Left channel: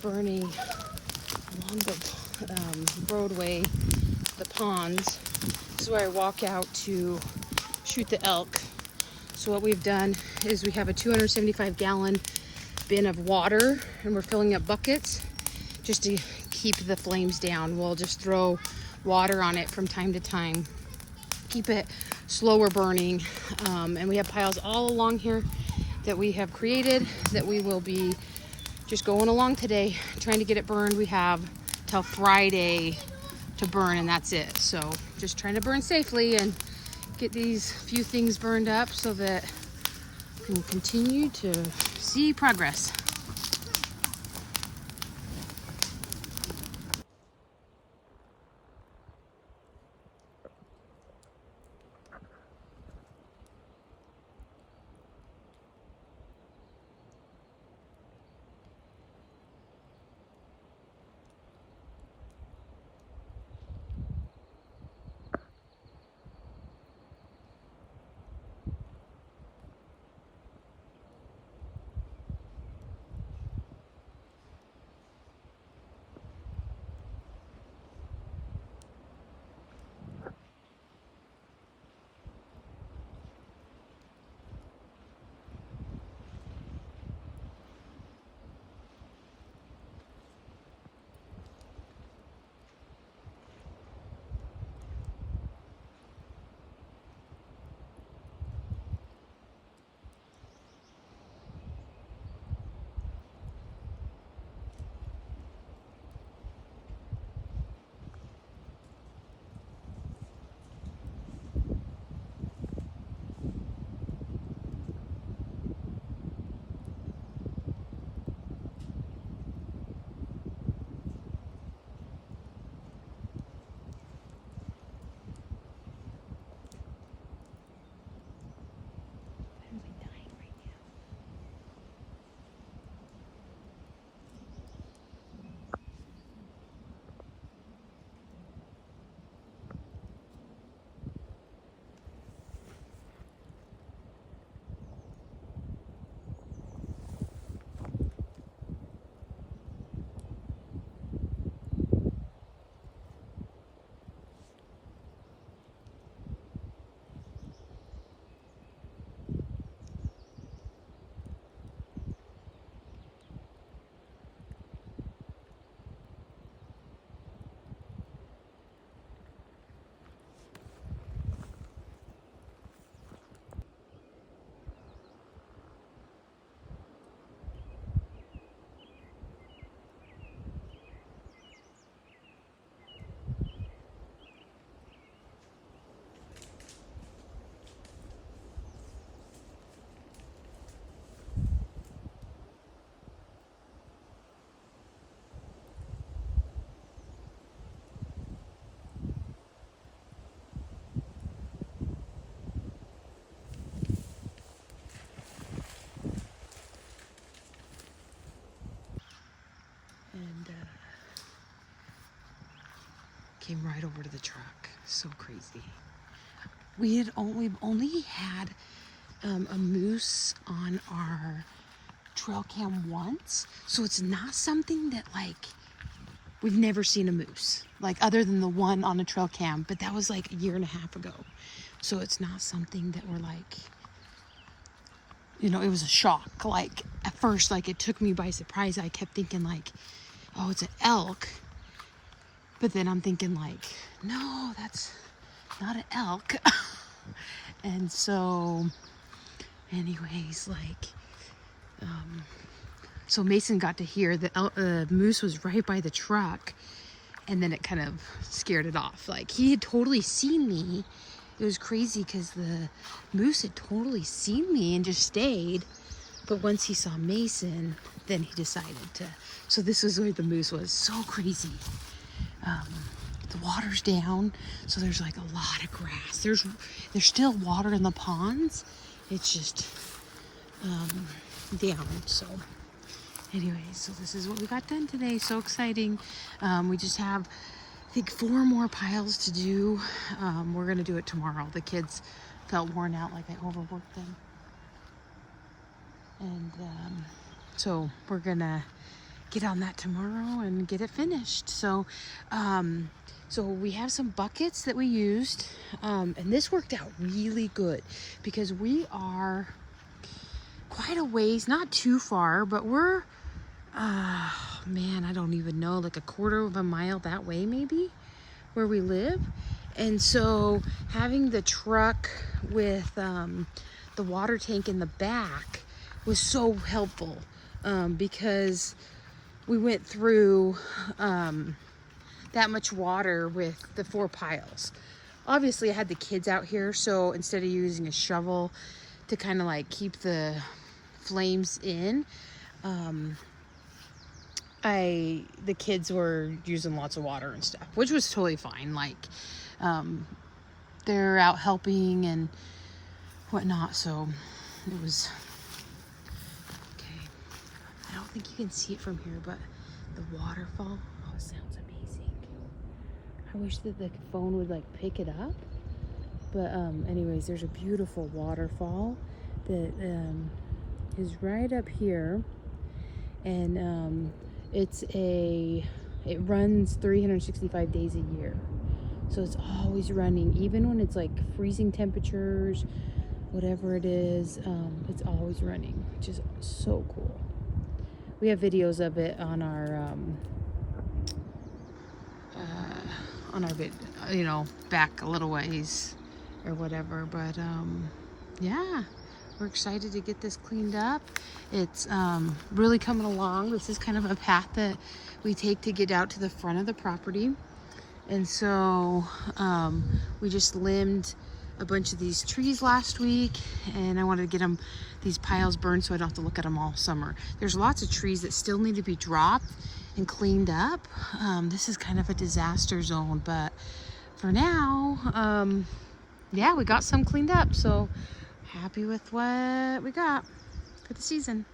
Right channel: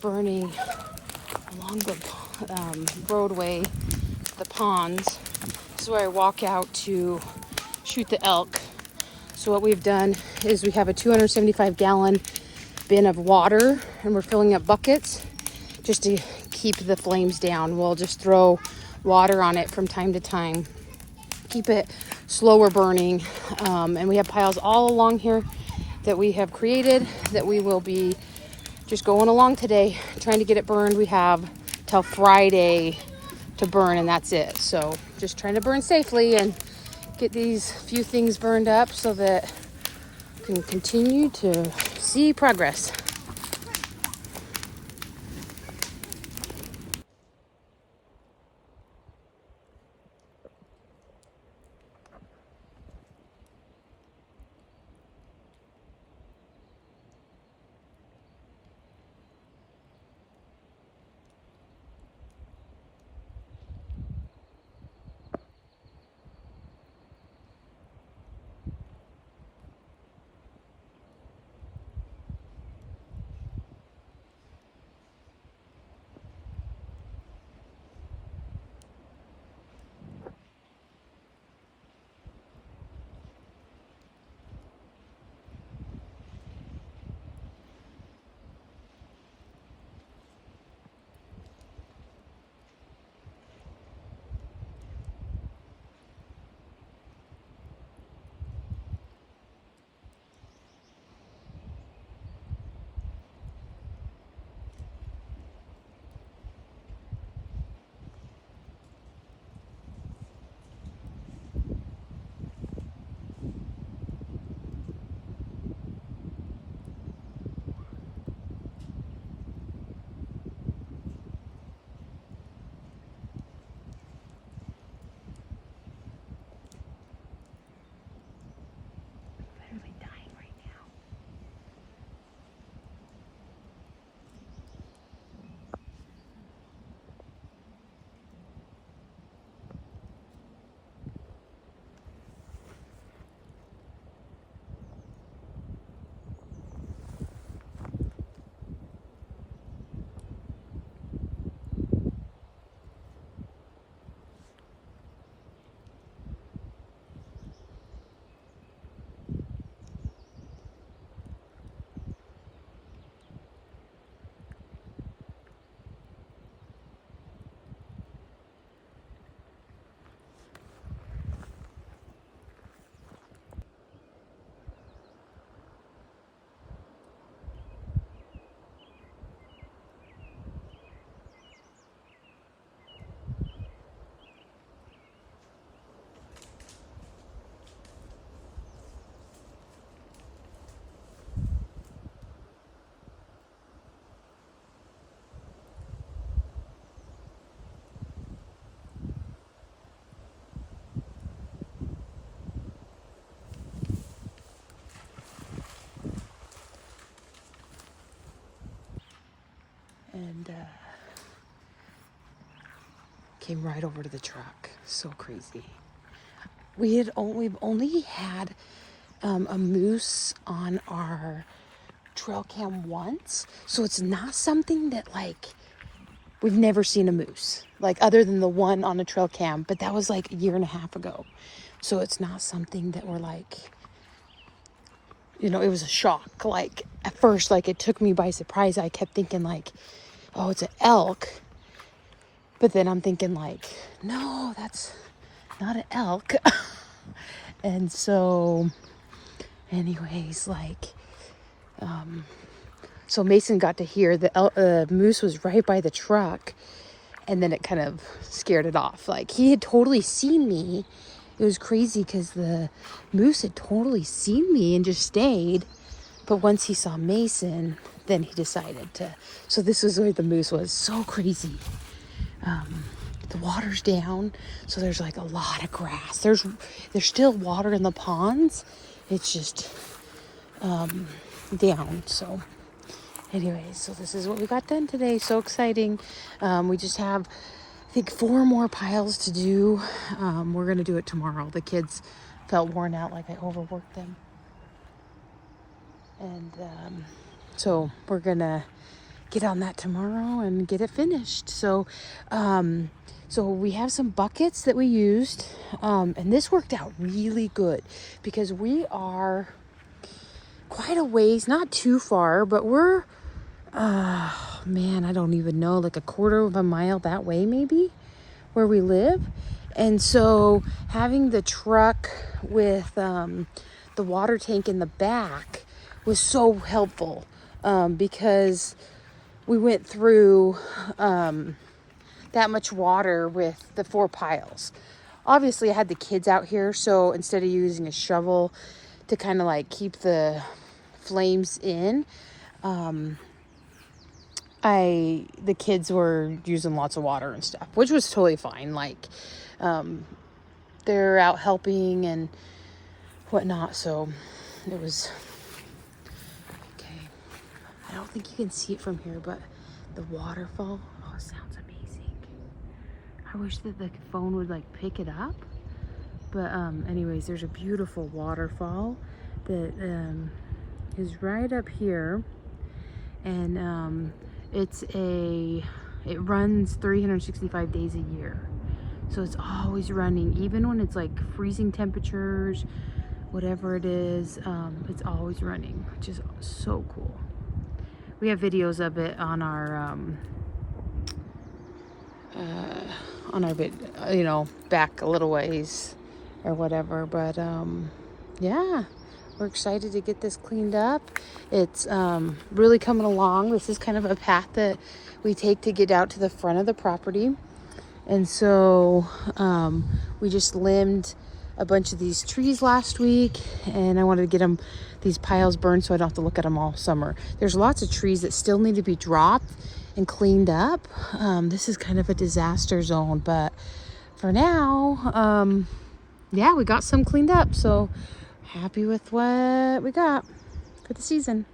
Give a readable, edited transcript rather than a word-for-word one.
burning along the roadway, the ponds. This is where I walk out to shoot the elk. So what we've done is we have a 275-gallon bin of water, and we're filling up buckets just to keep the flames down. We'll just throw water on it from time to time, keep it slower burning. And we have piles all along here that we have created that we will be just going along today, trying to get it burned. We have till Friday to burn, and that's it. So just trying to burn safely and get these few things burned up so that we can continue to see progress. And came right over to the truck. So crazy. We've only had a moose on our trail cam once, so it's not something that like we've never seen a moose, like other than the one on the trail cam, but that was like a year and a half ago. So it's not something that we're like, you know, it was a shock. Like at first, like it took me by surprise. I kept thinking like, oh, it's an elk. But then I'm thinking like, no, that's not an elk. And so anyways, like, so Mason got to hear the moose was right by the truck, and then it kind of scared it off. Like he had totally seen me. It was crazy because the moose had totally seen me and just stayed. But once he saw Mason, then he decided to. So this is where the moose was. So crazy. The water's down, so there's like a lot of grass. There's still water in the ponds. It's just down. So anyways, so this is what we got done today. So exciting. We just have, I think, 4 more piles to do. We're gonna do it tomorrow. The kids felt worn out, like I overworked them. And so we're gonna get on that tomorrow and get it finished. So so we have some buckets that we used, and this worked out really good because we are quite a ways, not too far, but we're man, I don't even know, like a quarter of a mile that way maybe, where we live. And so having the truck with the water tank in the back was so helpful, because we went through that much water with the 4 piles. Obviously I had the kids out here, so instead of using a shovel to kind of like keep the flames in, the kids were using lots of water and stuff, which was totally fine. Like they're out helping and whatnot, so it was okay. I don't think you can see it from here, but the waterfall, oh, it sounds amazing. I wish that the phone would like pick it up, but anyways, there's a beautiful waterfall that is right up here, and it runs 365 days a year, so it's always running, even when it's like freezing temperatures, whatever it is, it's always running, which is so cool. We have videos of it on our you know, back a little ways or whatever, but yeah, we're excited to get this cleaned up. It's really coming along. This is kind of a path that we take to get out to the front of the property, and so we just limbed a bunch of these trees last week, and I wanted to get these piles burned so I don't have to look at them all summer. There's lots of trees that still need to be dropped and cleaned up. This is kind of a disaster zone, but for now, yeah, we got some cleaned up, so happy with what we got for the season.